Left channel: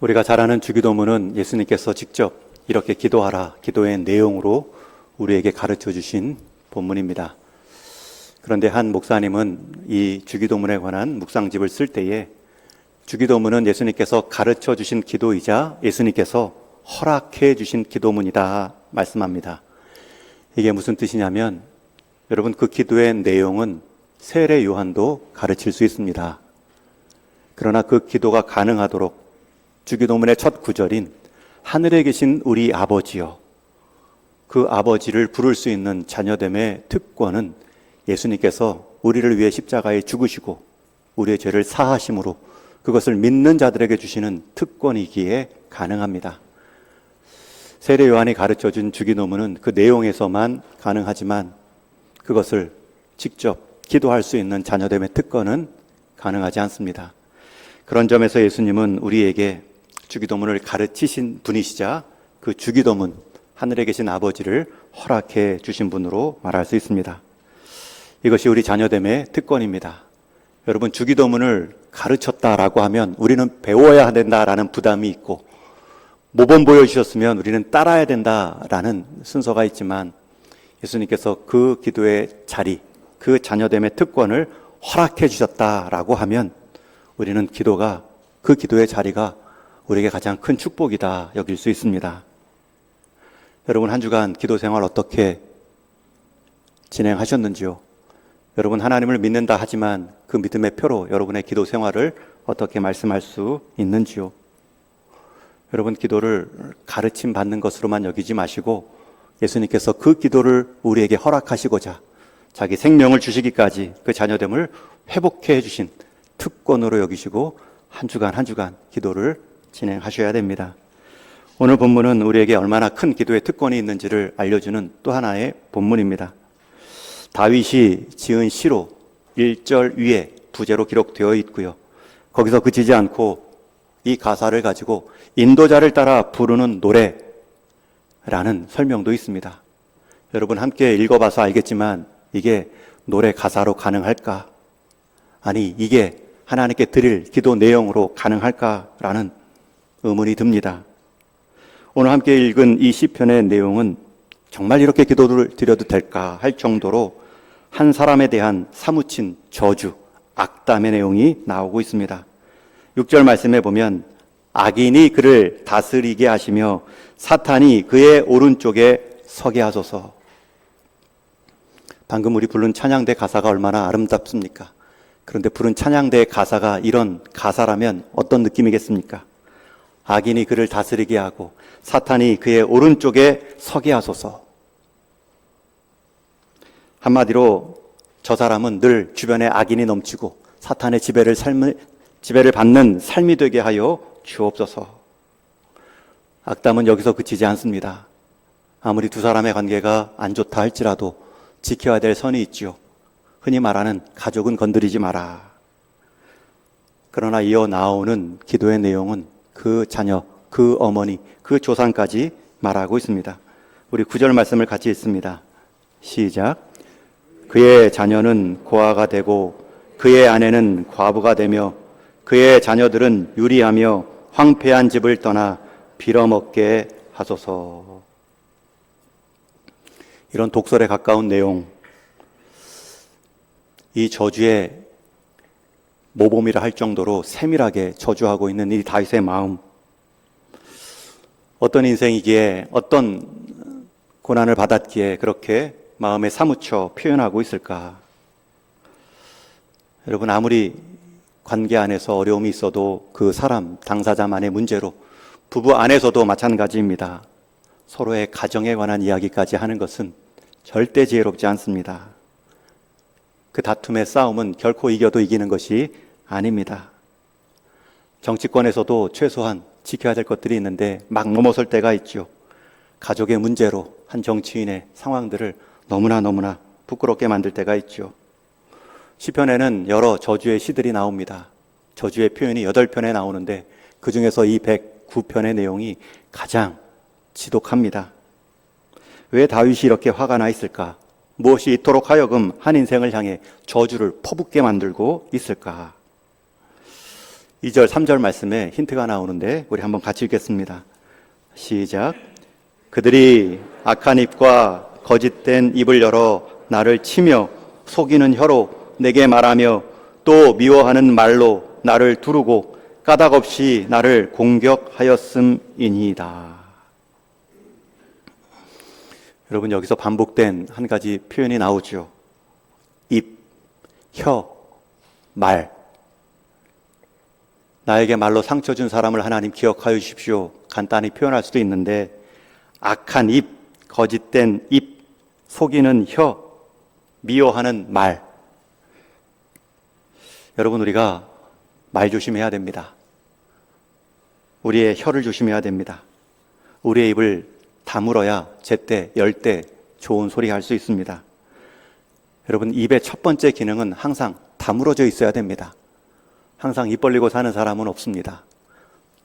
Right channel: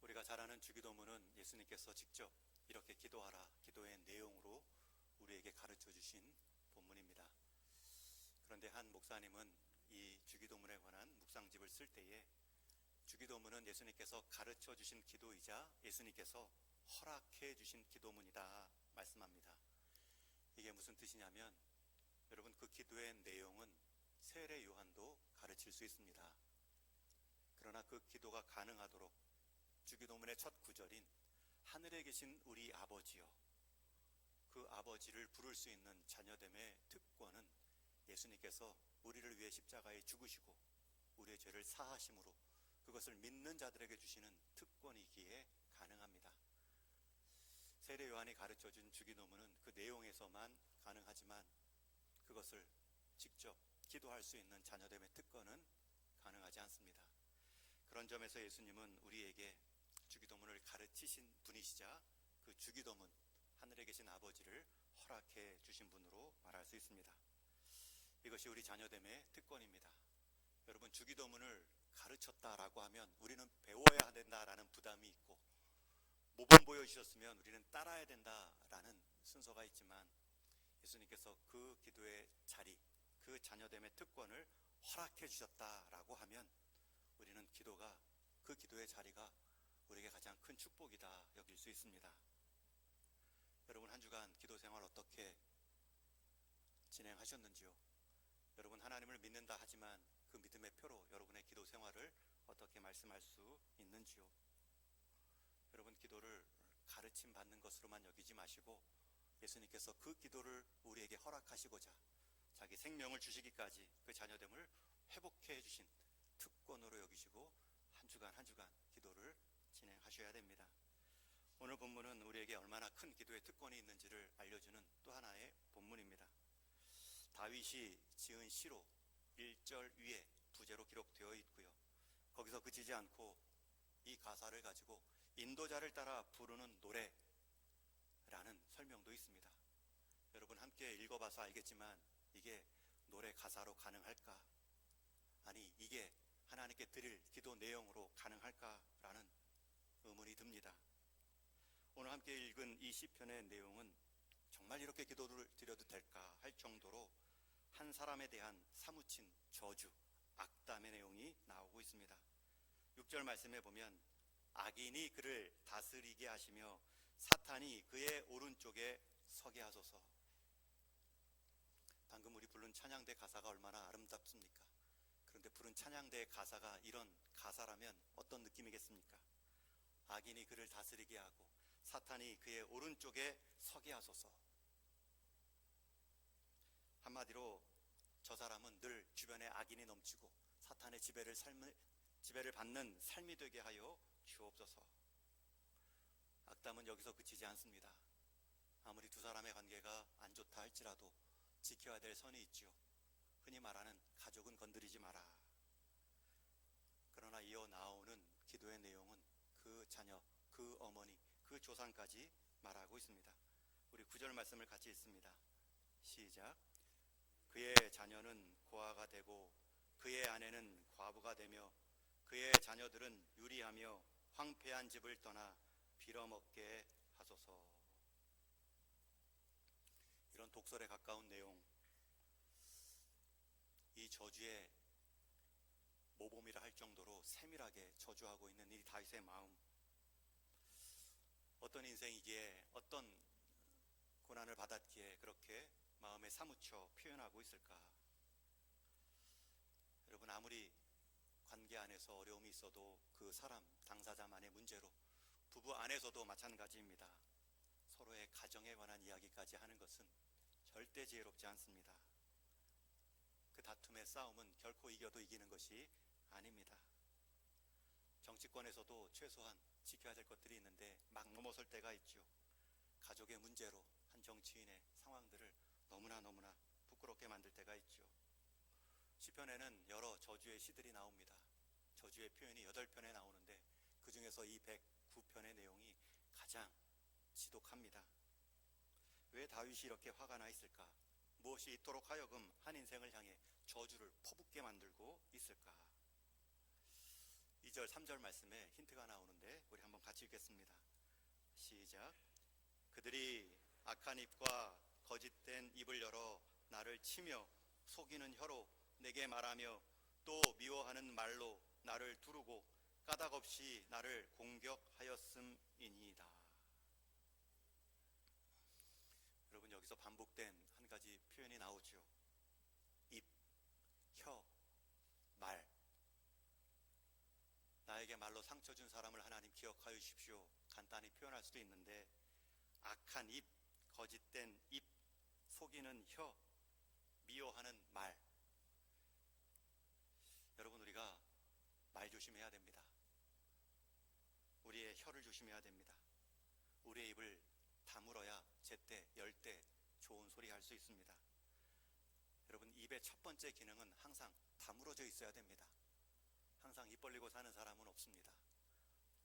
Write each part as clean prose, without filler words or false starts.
우리가 잘 아는 주기도문은 예수님께서 직접 이렇게 기도하라, 기도의 내용으로 우리에게 가르쳐 주신 본문입니다. 그런데 한 목사님은 이 주기도문에 관한 묵상집을 쓸 때에 주기도문은 예수님께서 가르쳐 주신 기도이자 예수님께서 허락해 주신 기도문이다 말씀합니다. 이게 무슨 뜻이냐면, 여러분, 그 기도의 내용은 세례 요한도 가르칠 수 있습니다. 그러나 그 기도가 가능하도록 주기도문의 첫 구절인 하늘에 계신 우리 아버지여, 그 아버지를 부를 수 있는 자녀됨의 특권은 예수님께서 우리를 위해 십자가에 죽으시고 우리의 죄를 사하심으로 그것을 믿는 자들에게 주시는 특권이기에 가능합니다. 세례 요한이 가르쳐준 주기도문은 그 내용에서만 가능하지만 그것을 직접 기도할 수 있는 자녀됨의 특권은 가능하지 않습니다. 그런 점에서 예수님은 우리에게 주기도문을 가르치신 분이시자 그 주기도문, 하늘에 계신 아버지를 허락해 주신 분으로 말할 수 있습니다. 이것이 우리 자녀됨의 특권입니다. 여러분, 주기도문을 가르쳤다라고 하면 우리는 배워야 된다라는 부담이 있고, 모범 보여주셨으면 우리는 따라야 된다라는 순서가 있지만, 예수님께서 그 기도의 자리, 그 자녀됨의 특권을 허락해 주셨다라고 하면 우리는 그 기도의 자리가 우리에게 가장 큰 축복이다 여길 수 있습니다. 여러분, 한 주간 기도 생활 어떻게 진행하셨는지요? 여러분, 하나님을 믿는다 하지만 그 믿음의 표로 여러분의 기도 생활을 어떻게 말씀할 수 있는지요? 여러분, 기도를 가르침 받는 것으로만 여기지 마시고 예수님께서 그 기도를 우리에게 허락하시고자 자기 생명을 주시기까지 그 자녀됨을 회복해 주신 특권으로 여기시고 한 주간 기도를 진행하셔야 됩니다. 오늘 본문은 우리에게 얼마나 큰 기도의 특권이 있는지를 알려주는 또 하나의 본문입니다. 다윗이 지은 시로 1절 위에 부제로 기록되어 있고요. 거기서 그치지 않고 이 가사를 가지고 인도자를 따라 부르는 노래라는 설명도 있습니다. 여러분, 함께 읽어봐서 알겠지만 이게 노래 가사로 가능할까? 아니, 이게 하나님께 드릴 기도 내용으로 가능할까라는 의문이 듭니다. 오늘 함께 읽은 이 시편의 내용은 정말 이렇게 기도를 드려도 될까 할 정도로 한 사람에 대한 사무친 저주, 악담의 내용이 나오고 있습니다. 6절 말씀에 보면 악인이 그를 다스리게 하시며 사탄이 그의 오른쪽에 서게 하소서. 방금 우리 부른 찬양대 가사가 얼마나 아름답습니까? 그런데 부른 찬양대의 가사가 이런 가사라면 어떤 느낌이겠습니까? 악인이 그를 다스리게 하고 사탄이 그의 오른쪽에 서게 하소서. 한마디로 저 사람은 늘 주변에 악인이 넘치고 사탄의 지배를 받는 삶이 되게 하여 주옵소서. 악담은 여기서 그치지 않습니다. 아무리 두 사람의 관계가 안 좋다 할지라도 지켜야 될 선이 있지요. 흔히 말하는 가족은 건드리지 마라. 그러나 이어 나오는 기도의 내용은 그 자녀, 그 어머니, 그 조상까지 말하고 있습니다. 우리 9절 말씀을 같이 읽습니다. 시작. 그의 자녀는 고아가 되고 그의 아내는 과부가 되며 그의 자녀들은 유리하며 황폐한 집을 떠나 빌어먹게 하소서. 이런 독설에 가까운 내용, 이 저주의 모범이라 할 정도로 세밀하게 저주하고 있는 이 다윗의 마음, 어떤 인생이기에 어떤 고난을 받았기에 그렇게 마음에 사무쳐 표현하고 있을까? 여러분, 아무리 관계 안에서 어려움이 있어도 그 사람, 당사자만의 문제로 부부 안에서도 마찬가지입니다. 서로의 가정에 관한 이야기까지 하는 것은 절대 지혜롭지 않습니다. 그 다툼의 싸움은 결코 이겨도 이기는 것이 아닙니다. 정치권에서도 최소한 지켜야 될 것들이 있는데 막 넘어설 때가 있죠. 가족의 문제로 한 정치인의 상황들을 너무나 부끄럽게 만들 때가 있죠. 시편에는 여러 저주의 시들이 나옵니다. 저주의 표현이 8편에 나오는데 그 중에서 이 109편의 내용이 가장 지독합니다. 왜 다윗이 이렇게 화가 나 있을까? 무엇이 이토록 하여금 한 인생을 향해 저주를 퍼붓게 만들고 있을까? 2절, 3절 말씀에 힌트가 나오는데 우리 한번 같이 읽겠습니다. 시작. 그들이 악한 입과 거짓된 입을 열어 나를 치며 속이는 혀로 내게 말하며 또 미워하는 말로 나를 두르고 까닭없이 나를 공격하였음이니이다. 여러분, 여기서 반복된 한 가지 표현이 나오죠. 입, 혀, 말. 나에게 말로 상처 준 사람을 하나님 기억하여 주십시오. 간단히 표현할 수도 있는데, 악한 입, 거짓된 입, 속이는 혀, 미워하는 말. 여러분, 우리가 말 조심해야 됩니다. 우리의 혀를 조심해야 됩니다. 우리의 입을 다물어야 제때, 열때 좋은 소리 할 수 있습니다. 여러분, 입의 첫 번째 기능은 항상 다물어져 있어야 됩니다. 항상 입 벌리고 사는 사람은 없습니다.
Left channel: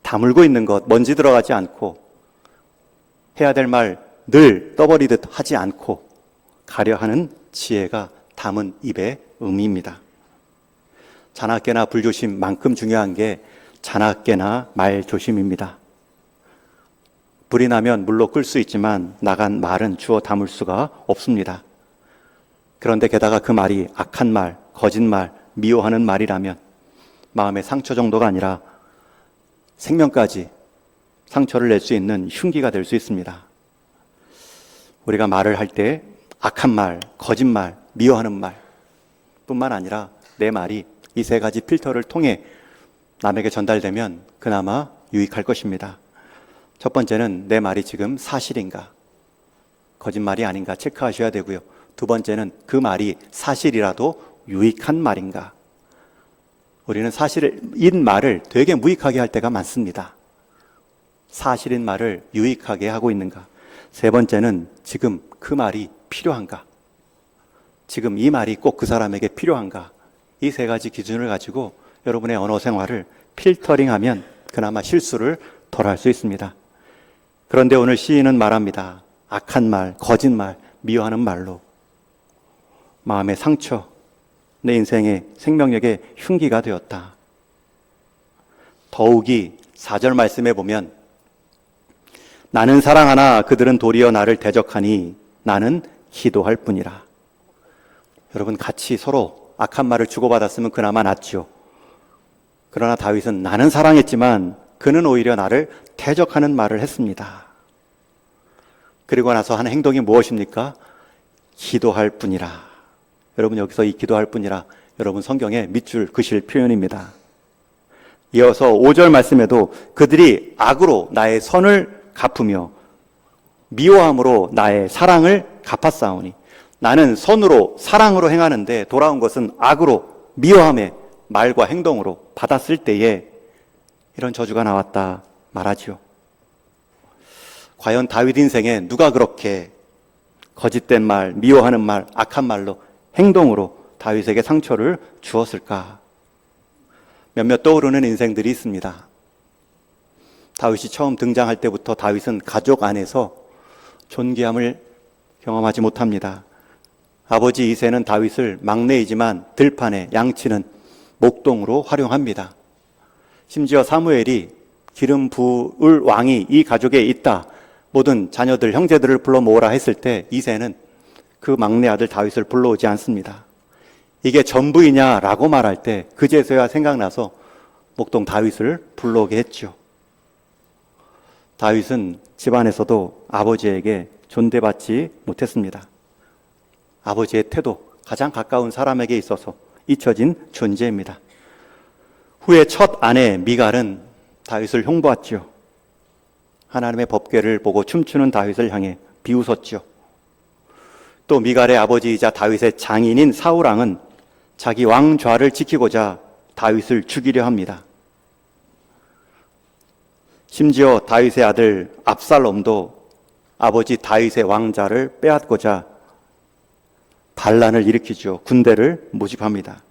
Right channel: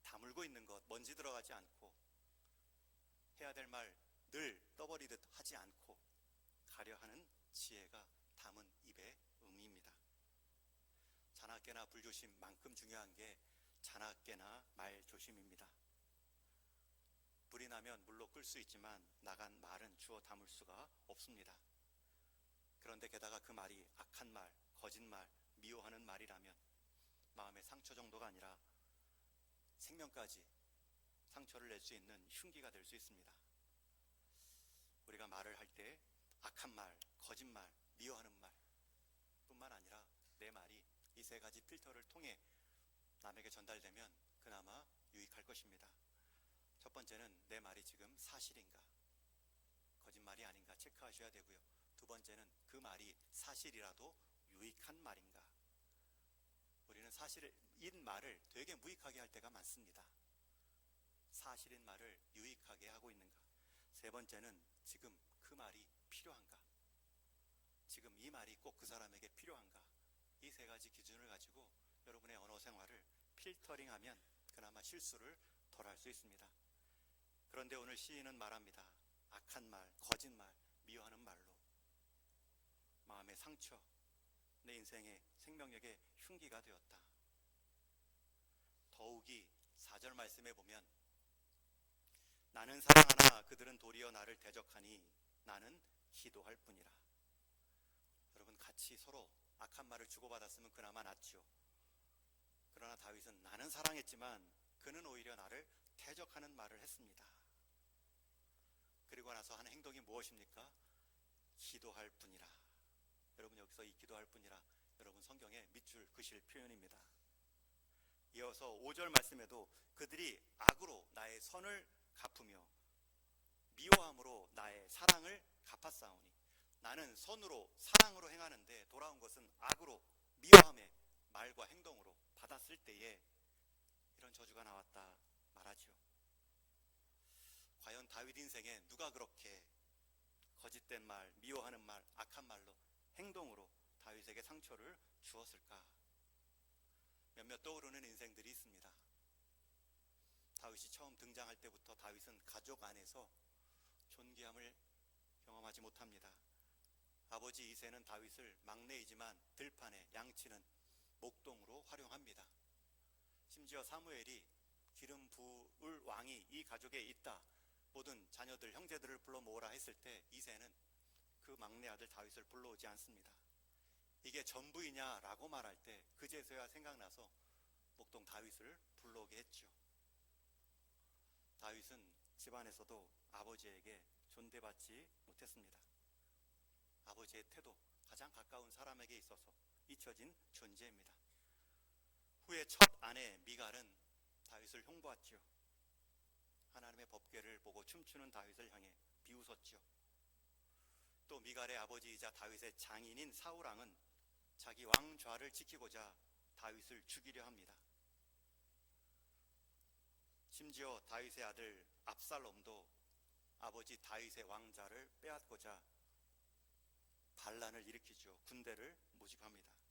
다물고 있는 것, 먼지 들어가지 않고 해야 될 말 늘 떠버리듯 하지 않고 가려 하는 지혜가 담은 입의 의미입니다. 자나깨나 불조심만큼 중요한 게 자나깨나 말조심입니다. 불이 나면 물로 끌 수 있지만 나간 말은 주워 담을 수가 없습니다. 그런데 게다가 그 말이 악한 말, 거짓말, 미워하는 말이라면 마음의 상처 정도가 아니라 생명까지 상처를 낼 수 있는 흉기가 될 수 있습니다. 우리가 말을 할 때 악한 말, 거짓말, 미워하는 말 뿐만 아니라 내 말이 이 세 가지 필터를 통해 남에게 전달되면 그나마 유익할 것입니다. 첫 번째는 내 말이 지금 사실인가, 거짓말이 아닌가 체크하셔야 되고요. 두 번째는 그 말이 사실이라도 유익한 말인가. 우리는 사실인 말을 되게 무익하게 할 때가 많습니다. 사실인 말을 유익하게 하고 있는가. 세 번째는 지금 그 말이 필요한가. 지금 이 말이 꼭 그 사람에게 필요한가. 이 세 가지 기준을 가지고 여러분의 언어 생활을 필터링하면 그나마 실수를 덜 할 수 있습니다. 그런데 오늘 시인은 말합니다. 악한 말, 거짓말, 미워하는 말로 마음의 상처, 내 인생의 생명력의 흉기가 되었다. 더욱이 4절 말씀에 보면 나는 사랑하나 그들은 도리어 나를 대적하니 나는 기도할 뿐이라. 여러분, 같이 서로 악한 말을 주고받았으면 그나마 낫죠. 그러나 다윗은 나는 사랑했지만 그는 오히려 나를 대적하는 말을 했습니다. 그리고 나서 한 행동이 무엇입니까? 기도할 뿐이라. 여러분, 여기서 이 기도할 뿐이라 여러분 성경에 밑줄 그실 표현입니다. 이어서 5절 말씀에도 그들이 악으로 나의 선을 갚으며 미워함으로 나의 사랑을 갚았사오니. 나는 선으로 사랑으로 행하는데 돌아온 것은 악으로 미워함의 말과 행동으로 받았을 때에 이런 저주가 나왔다 말하지요. 과연 다윗 인생에 누가 그렇게 거짓된 말, 미워하는 말, 악한 말로 행동으로 다윗에게 상처를 주었을까? 몇몇 떠오르는 인생들이 있습니다. 다윗이 처음 등장할 때부터 다윗은 가족 안에서 존귀함을 경험하지 못합니다. 아버지 이새는 다윗을 막내이지만 들판에 양치는 목동으로 활용합니다. 심지어 사무엘이 기름 부을 왕이 이 가족에 있다, 모든 자녀들, 형제들을 불러 모으라 했을 때 이새는 그 막내 아들 다윗을 불러오지 않습니다. 이게 전부이냐라고 말할 때 그제서야 생각나서 목동 다윗을 불러오게 했죠. 다윗은 집안에서도 아버지에게 존대받지 못했습니다. 아버지의 태도, 가장 가까운 사람에게 있어서 잊혀진 존재입니다. 후에 첫 아내 미갈은 다윗을 흉보았죠. 하나님의 법궤를 보고 춤추는 다윗을 향해 비웃었죠. 또 미갈의 아버지이자 다윗의 장인인 사울왕은 자기 왕좌를 지키고자 다윗을 죽이려 합니다. 심지어 다윗의 아들 압살롬도 아버지 다윗의 왕좌를 빼앗고자 반란을 일으키죠. 군대를 모집합니다.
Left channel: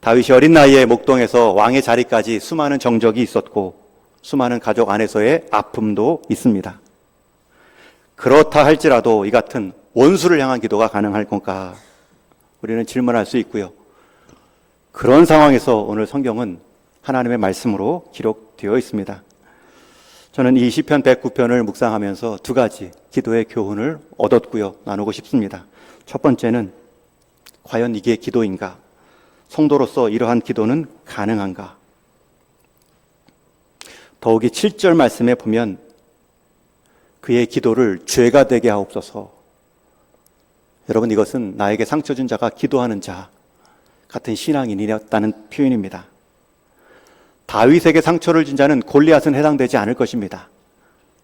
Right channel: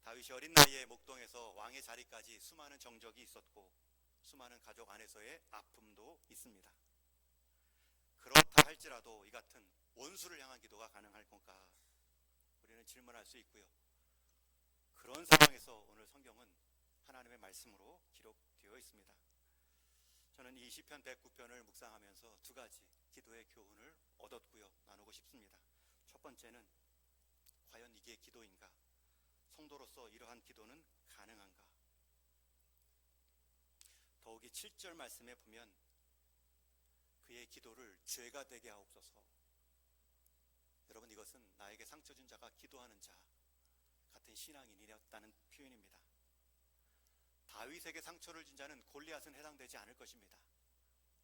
다윗이 어린 나이에 목동에서 왕의 자리까지 수많은 정적이 있었고 수많은 가족 안에서의 아픔도 있습니다. 그렇다 할지라도 이 같은 원수를 향한 기도가 가능할 건가? 우리는 질문할 수 있고요. 그런 상황에서 오늘 성경은 하나님의 말씀으로 기록되어 있습니다. 저는 이 시편 109편을 묵상하면서 두 가지 기도의 교훈을 얻었고요. 나누고 싶습니다. 첫 번째는 과연 이게 기도인가? 성도로서 이러한 기도는 가능한가? 더욱이 7절 말씀에 보면 그의 기도를 죄가 되게 하옵소서. 여러분, 이것은 나에게 상처 준 자가 기도하는 자 같은 신앙인이었다는 표현입니다. 다윗에게 상처를 준 자는 골리앗은 해당되지 않을 것입니다.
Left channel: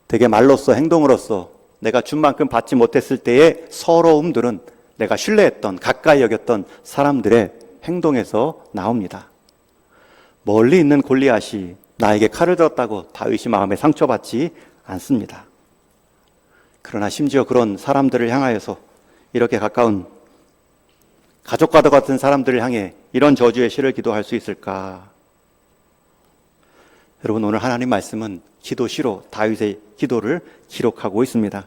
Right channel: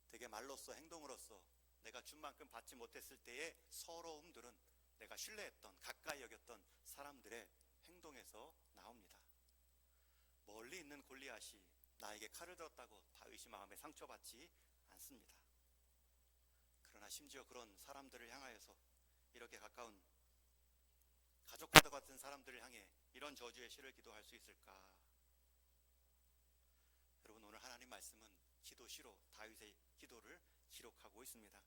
되게 말로써 행동으로써 내가 준 만큼 받지 못했을 때의 서러움들은 내가 신뢰했던, 가까이 여겼던 사람들의 행동에서 나옵니다. 멀리 있는 골리앗이 나에게 칼을 들었다고 다윗이 마음에 상처받지 않습니다. 그러나 심지어 그런 사람들을 향하여서, 이렇게 가까운 가족과도 같은 사람들을 향해 이런 저주의 시를 기도할 수 있을까? 여러분, 오늘 하나님 말씀은 기도시로 다윗의 기도를 기록하고 있습니다.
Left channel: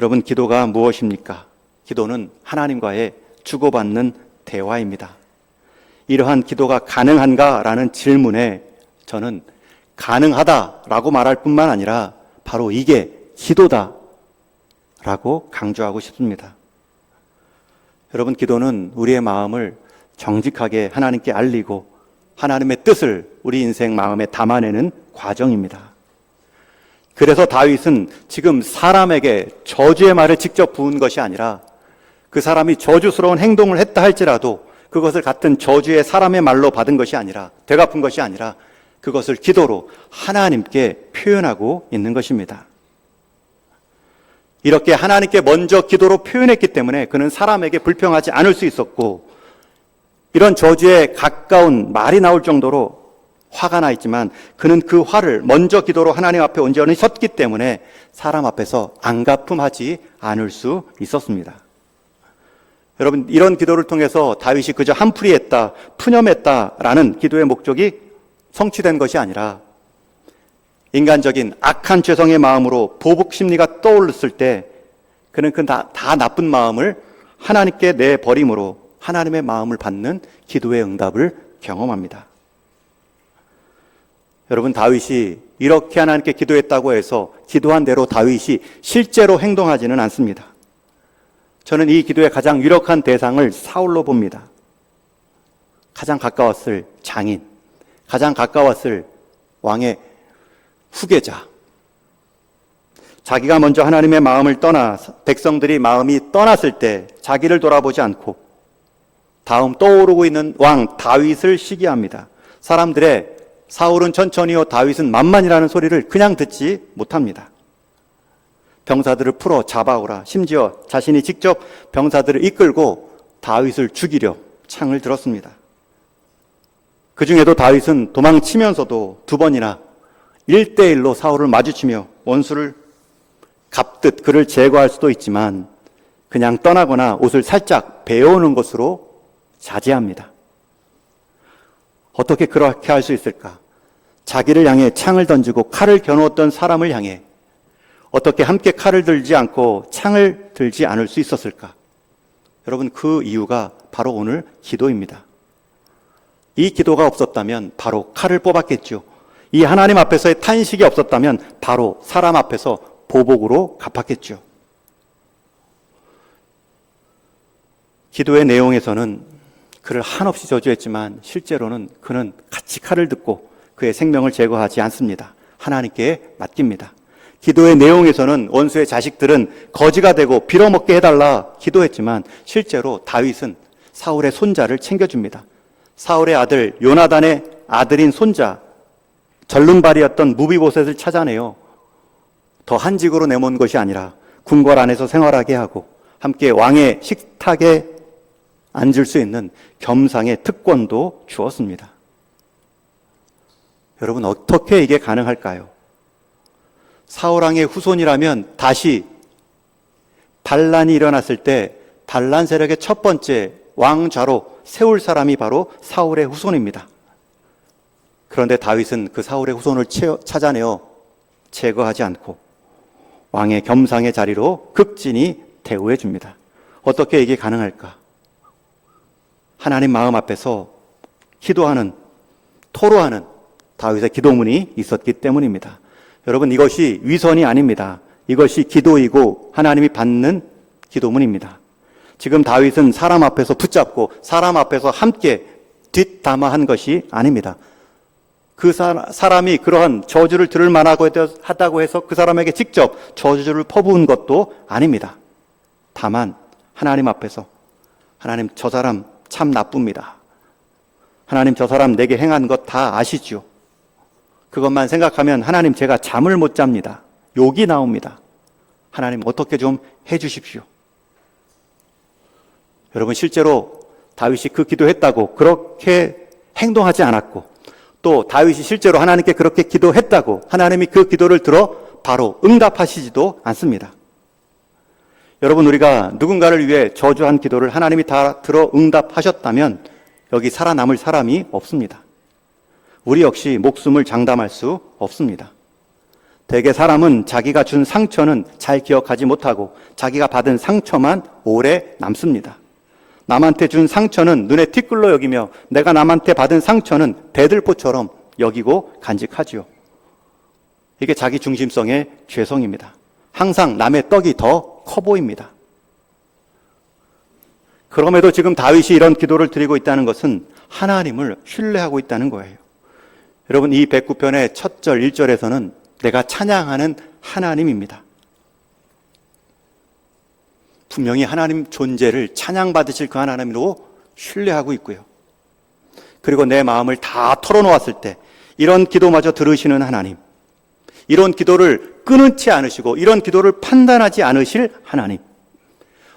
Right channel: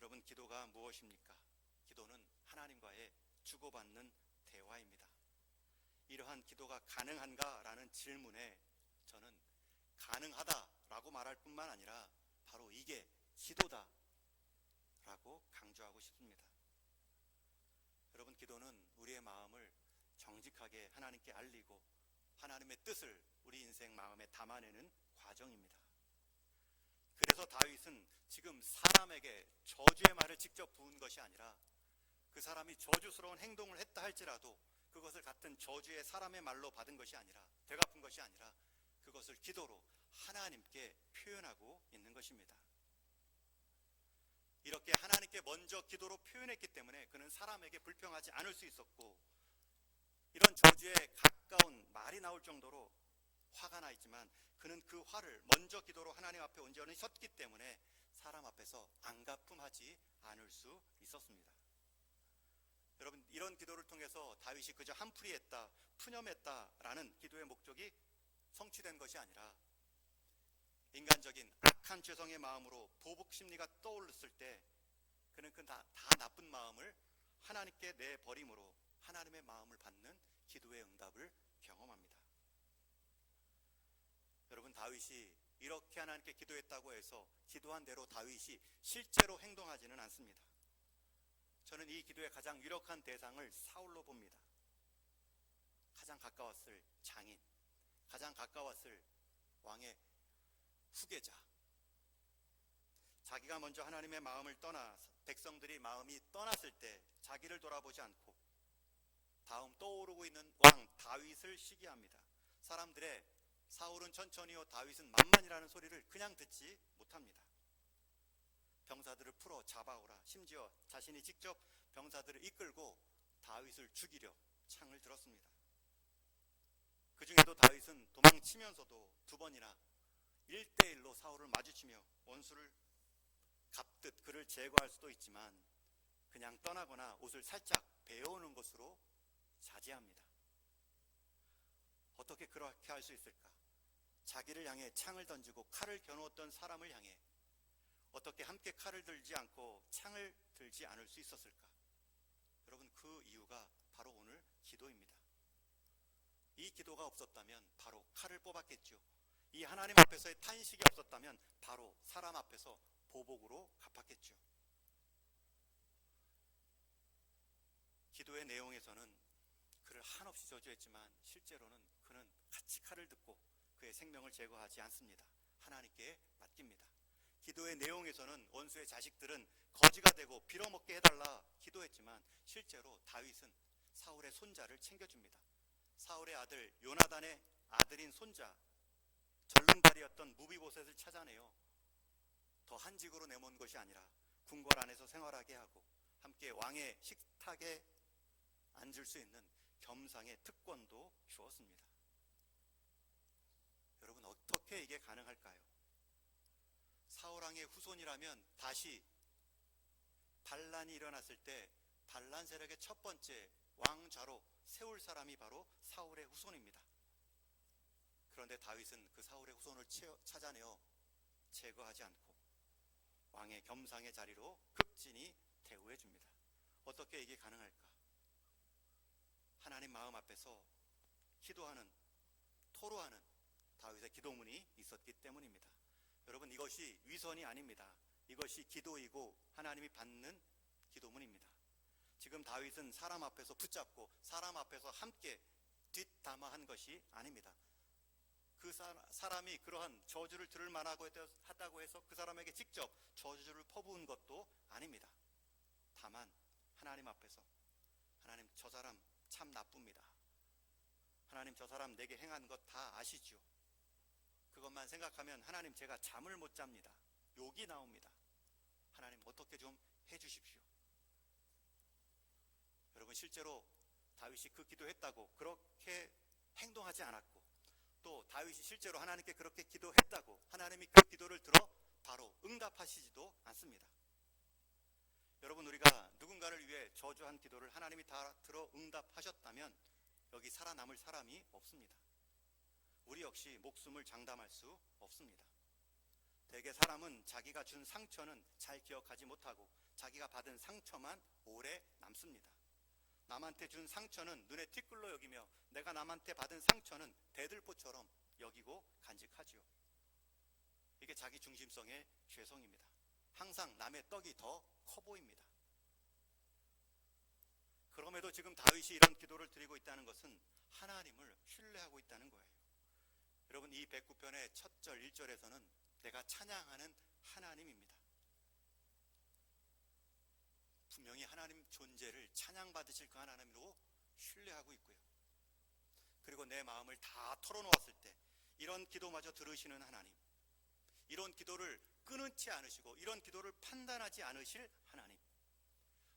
여러분, 기도가 무엇입니까? 기도는 하나님과의 주고받는 대화입니다. 이러한 기도가 가능한가? 라는 질문에 저는 가능하다라고 말할 뿐만 아니라 바로 이게 기도다 라고 강조하고 싶습니다. 여러분, 기도는 우리의 마음을 정직하게 하나님께 알리고 하나님의 뜻을 우리 인생 마음에 담아내는 과정입니다. 그래서 다윗은 지금 사람에게 저주의 말을 직접 부은 것이 아니라 그 사람이 저주스러운 행동을 했다 할지라도 그것을 같은 저주의 사람의 말로 받은 것이 아니라, 되갚은 것이 아니라 그것을 기도로 하나님께 표현하고 있는 것입니다. 이렇게 하나님께 먼저 기도로 표현했기 때문에 그는 사람에게 불평하지 않을 수 있었고, 이런 저주에 가까운 말이 나올 정도로 화가 나 있지만 그는 그 화를 먼저 기도로 하나님 앞에 온전히 섰기 때문에 사람 앞에서 안가품하지 않을 수 있었습니다. 여러분, 이런 기도를 통해서 다윗이 그저 한풀이했다, 푸념했다라는 기도의 목적이 성취된 것이 아니라 인간적인 악한 죄성의 마음으로 보복 심리가 떠올랐을 때 그는 그 다 나쁜 마음을 하나님께 내버림으로 하나님의 마음을 받는 기도의 응답을 경험합니다. 여러분, 다윗이 이렇게 하나님께 기도했다고 해서 기도한 대로 다윗이 실제로 행동하지는 않습니다. 저는 이 기도의 가장 유력한 대상을 사울로 봅니다. 가장 가까웠을 장인, 가장 가까웠을 왕의 후계자, 자기가 먼저 하나님의 마음을 떠나 백성들이 마음이 떠났을 때 자기를 돌아보지 않고 다음 떠오르고 있는 왕 다윗을 시기합니다. 사람들의 사울은 천천히요 다윗은 만만이라는 소리를 그냥 듣지 못합니다. 병사들을 풀어 잡아오라, 심지어 자신이 직접 병사들을 이끌고 다윗을 죽이려 창을 들었습니다. 그 중에도 다윗은 도망치면서도 두 번이나 1대1로 사울을 마주치며 원수를 갚듯 그를 제거할 수도 있지만 그냥 떠나거나 옷을 살짝 베어오는 것으로 자제합니다. 어떻게 그렇게 할 수 있을까? 자기를 향해 창을 던지고 칼을 겨누었던 사람을 향해 어떻게 함께 칼을 들지 않고 창을 들지 않을 수 있었을까? 여러분, 그 이유가 바로 오늘 기도입니다. 이 기도가 없었다면 바로 칼을 뽑았겠죠. 이 하나님 앞에서의 탄식이 없었다면 바로 사람 앞에서 보복으로 갚았겠죠. 기도의 내용에서는 그를 한없이 저주했지만 실제로는 그는 같이 칼을 듣고 그의 생명을 제거하지 않습니다. 하나님께 맡깁니다. 기도의 내용에서는 원수의 자식들은 거지가 되고 빌어먹게 해달라 기도했지만 실제로 다윗은 사울의 손자를 챙겨줍니다. 사울의 아들 요나단의 아들인 손자, 전릉발이었던 무비보셋을 찾아내요. 더 한직으로 내몬 것이 아니라 궁궐 안에서 생활하게 하고 함께 왕의 식탁에 앉을 수 있는 겸상의 특권도 주었습니다. 여러분, 어떻게 이게 가능할까요? 사울왕의 후손이라면 다시 반란이 일어났을 때 반란 세력의 첫 번째 왕좌로 세울 사람이 바로 사울의 후손입니다. 그런데 다윗은 그 사울의 후손을 찾아내어 제거하지 않고 왕의 겸상의 자리로 극진히 대우해 줍니다. 어떻게 이게 가능할까? 하나님 마음 앞에서 기도하는 토로하는 다윗의 기도문이 있었기 때문입니다. 여러분, 이것이 위선이 아닙니다. 이것이 기도이고 하나님이 받는 기도문입니다. 지금 다윗은 사람 앞에서 붙잡고 사람 앞에서 함께 뒷담화한 것이 아닙니다. 그 사람이 그러한 저주를 들을 만하다고 해서 그 사람에게 직접 저주를 퍼부은 것도 아닙니다. 다만 하나님 앞에서 하나님, 저 사람 참 나쁩니다. 하나님, 저 사람 내게 행한 것 다 아시죠? 그것만 생각하면 하나님, 제가 잠을 못 잡니다. 욕이 나옵니다. 하나님, 어떻게 좀 해주십시오. 여러분, 실제로 다윗이 그 기도했다고 그렇게 행동하지 않았고, 또 다윗이 실제로 하나님께 그렇게 기도했다고 하나님이 그 기도를 들어 바로 응답하시지도 않습니다. 여러분, 우리가 누군가를 위해 저주한 기도를 하나님이 다 들어 응답하셨다면 여기 살아남을 사람이 없습니다. 우리 역시 목숨을 장담할 수 없습니다. 대개 사람은 자기가 준 상처는 잘 기억하지 못하고 자기가 받은 상처만 오래 남습니다. 남한테 준 상처는 눈에 티끌로 여기며 내가 남한테 받은 상처는 대들보처럼 여기고 간직하지요. 이게 자기 중심성의 죄성입니다. 항상 남의 떡이 더 커 보입니다. 그럼에도 지금 다윗이 이런 기도를 드리고 있다는 것은 하나님을 신뢰하고 있다는 거예요. 여러분, 이 109편의 첫 절 1절에서는 내가 찬양하는 하나님입니다. 분명히 하나님 존재를 찬양받으실 그 하나님으로 신뢰하고 있고요. 그리고 내 마음을 다 털어놓았을 때 이런 기도마저 들으시는 하나님, 이런 기도를 끊지 않으시고 이런 기도를 판단하지 않으실 하나님,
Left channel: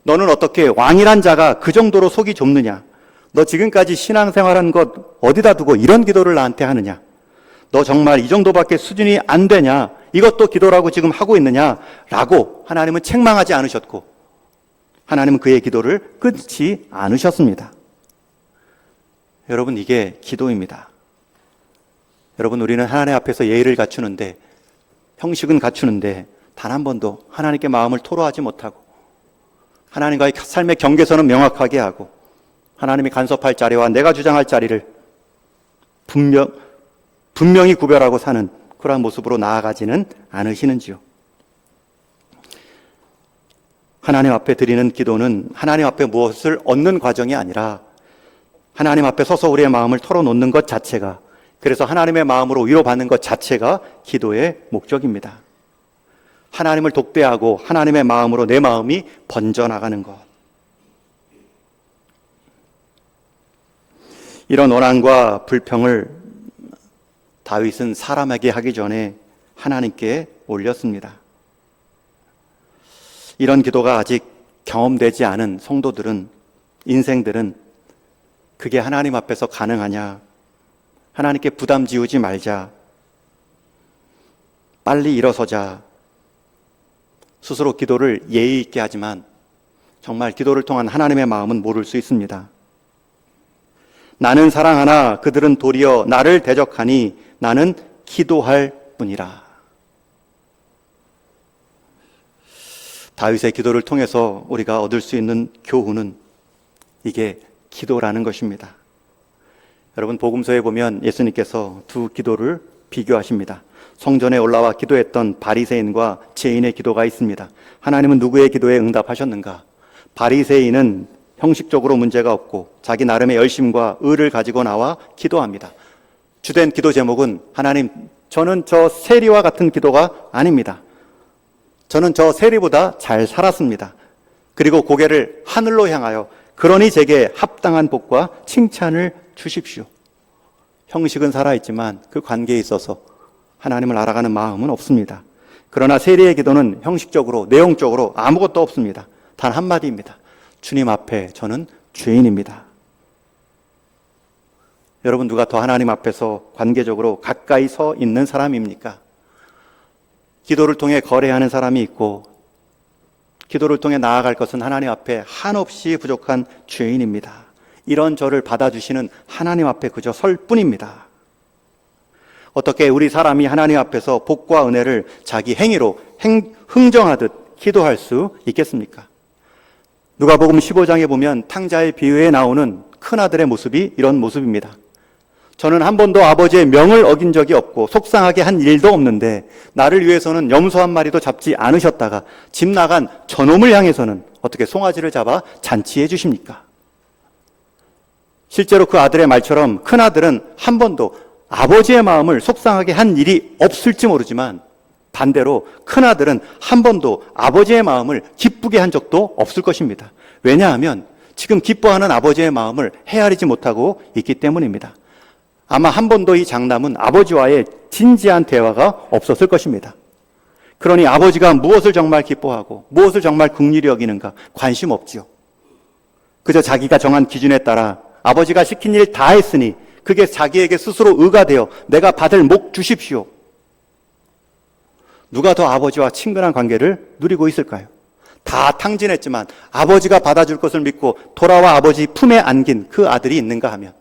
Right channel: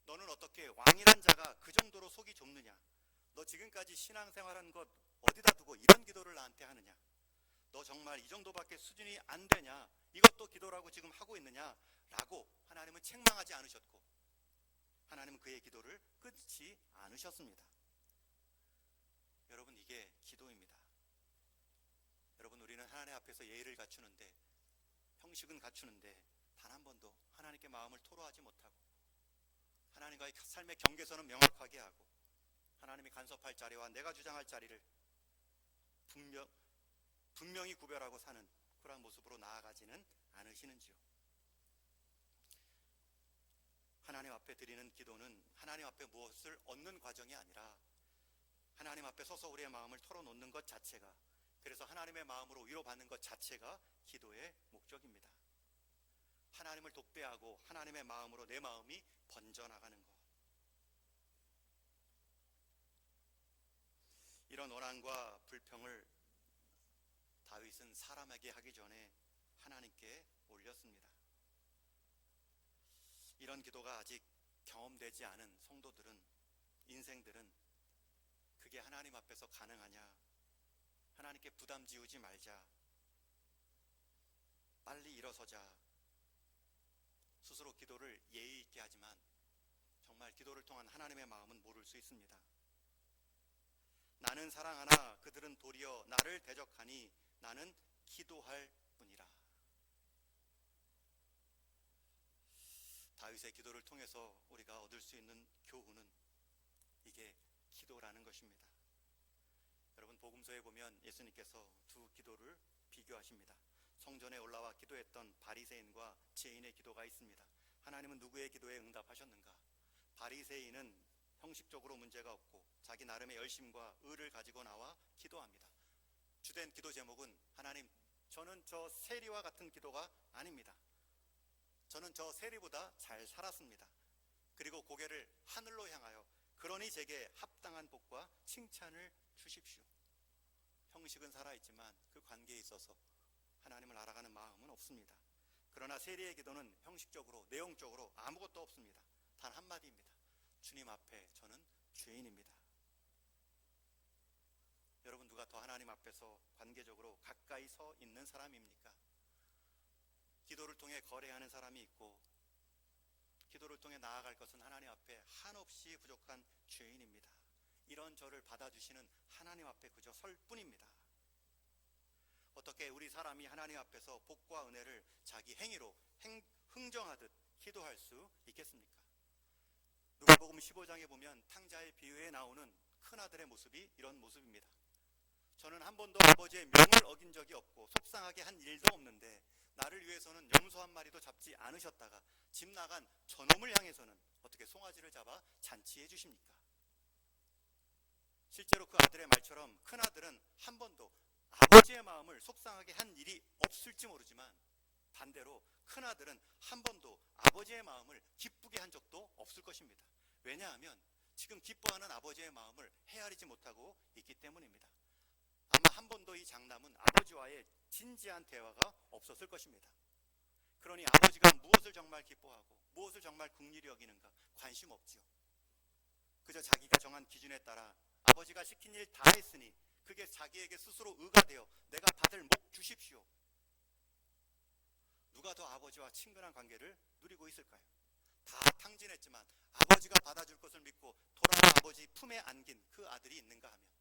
너는 어떻게 왕이란 자가 그 정도로 속이 좁느냐? 너 지금까지 신앙생활한 것 어디다 두고 이런 기도를 나한테 하느냐? 너 정말 이 정도밖에 수준이 안 되냐? 이것도 기도라고 지금 하고 있느냐? 라고 하나님은 책망하지 않으셨고 하나님은 그의 기도를 끊지 않으셨습니다. 여러분, 이게 기도입니다. 여러분, 우리는 하나님 앞에서 예의를 갖추는데, 형식은 갖추는데 단 한 번도 하나님께 마음을 토로하지 못하고 하나님과의 삶의 경계선은 명확하게 하고 하나님이 간섭할 자리와 내가 주장할 자리를 분명히 구별하고 사는 그러한 모습으로 나아가지는 않으시는지요. 하나님 앞에 드리는 기도는 하나님 앞에 무엇을 얻는 과정이 아니라 하나님 앞에 서서 우리의 마음을 털어놓는 것 자체가, 그래서 하나님의 마음으로 위로받는 것 자체가 기도의 목적입니다. 하나님을 독대하고 하나님의 마음으로 내 마음이 번져나가는 것. 이런 원한과 불평을 다윗은 사람에게 하기 전에 하나님께 올렸습니다. 이런 기도가 아직 경험되지 않은 성도들은, 인생들은 그게 하나님 앞에서 가능하냐? 하나님께 부담 지우지 말자. 빨리 일어서자. 스스로 기도를 예의 있게 하지만 정말 기도를 통한 하나님의 마음은 모를 수 있습니다. 나는 사랑하나 그들은 도리어 나를 대적하니 나는 기도할 뿐이라. 다윗의 기도를 통해서 우리가 얻을 수 있는 교훈은 이게 기도라는 것입니다. 여러분, 복음서에 보면 예수님께서 두 기도를 비교하십니다. 성전에 올라와 기도했던 바리새인과 죄인의 기도가 있습니다. 하나님은 누구의 기도에 응답하셨는가? 바리새인은 형식적으로 문제가 없고 자기 나름의 열심과 의를 가지고 나와 기도합니다. 주된 기도 제목은 하나님, 저는 저 세리와 같은 기도가 아닙니다. 저는 저 세리보다 잘 살았습니다. 그리고 고개를 하늘로 향하여 그러니 제게 합당한 복과 칭찬을 주십시오. 형식은 살아있지만 그 관계에 있어서 하나님을 알아가는 마음은 없습니다. 그러나 세리의 기도는 형식적으로, 내용적으로 아무것도 없습니다. 단 한마디입니다. 주님 앞에 저는 죄인입니다. 여러분, 누가 더 하나님 앞에서 관계적으로 가까이 서 있는 사람입니까? 기도를 통해 거래하는 사람이 있고 기도를 통해 나아갈 것은 하나님 앞에 한없이 부족한 죄인입니다. 이런 저를 받아주시는 하나님 앞에 그저 설 뿐입니다. 어떻게 우리 사람이 하나님 앞에서 복과 은혜를 자기 행위로 흥정하듯 기도할 수 있겠습니까? 누가복음 15장에 보면 탕자의 비유에 나오는 큰아들의 모습이 이런 모습입니다. 저는 한 번도 아버지의 명을 어긴 적이 없고 속상하게 한 일도 없는데 나를 위해서는 염소 한 마리도 잡지 않으셨다가 집 나간 저놈을 향해서는 어떻게 송아지를 잡아 잔치해 주십니까? 실제로 그 아들의 말처럼 큰아들은 한 번도 아버지의 마음을 속상하게 한 일이 없을지 모르지만 반대로 큰아들은 한 번도 아버지의 마음을 기쁘게 한 적도 없을 것입니다. 왜냐하면 지금 기뻐하는 아버지의 마음을 헤아리지 못하고 있기 때문입니다. 아마 한 번도 이 장남은 아버지와의 진지한 대화가 없었을 것입니다. 그러니 아버지가 무엇을 정말 기뻐하고 무엇을 정말 긍휼히 여기는가 관심 없지요. 그저 자기가 정한 기준에 따라 아버지가 시킨 일 다 했으니 그게 자기에게 스스로 의가 되어 내가 받을 목 주십시오. 누가 더 아버지와 친근한 관계를 누리고 있을까요? 다 탕진했지만 아버지가 받아줄 것을 믿고 돌아와 아버지 품에 안긴 그 아들이 있는가 하면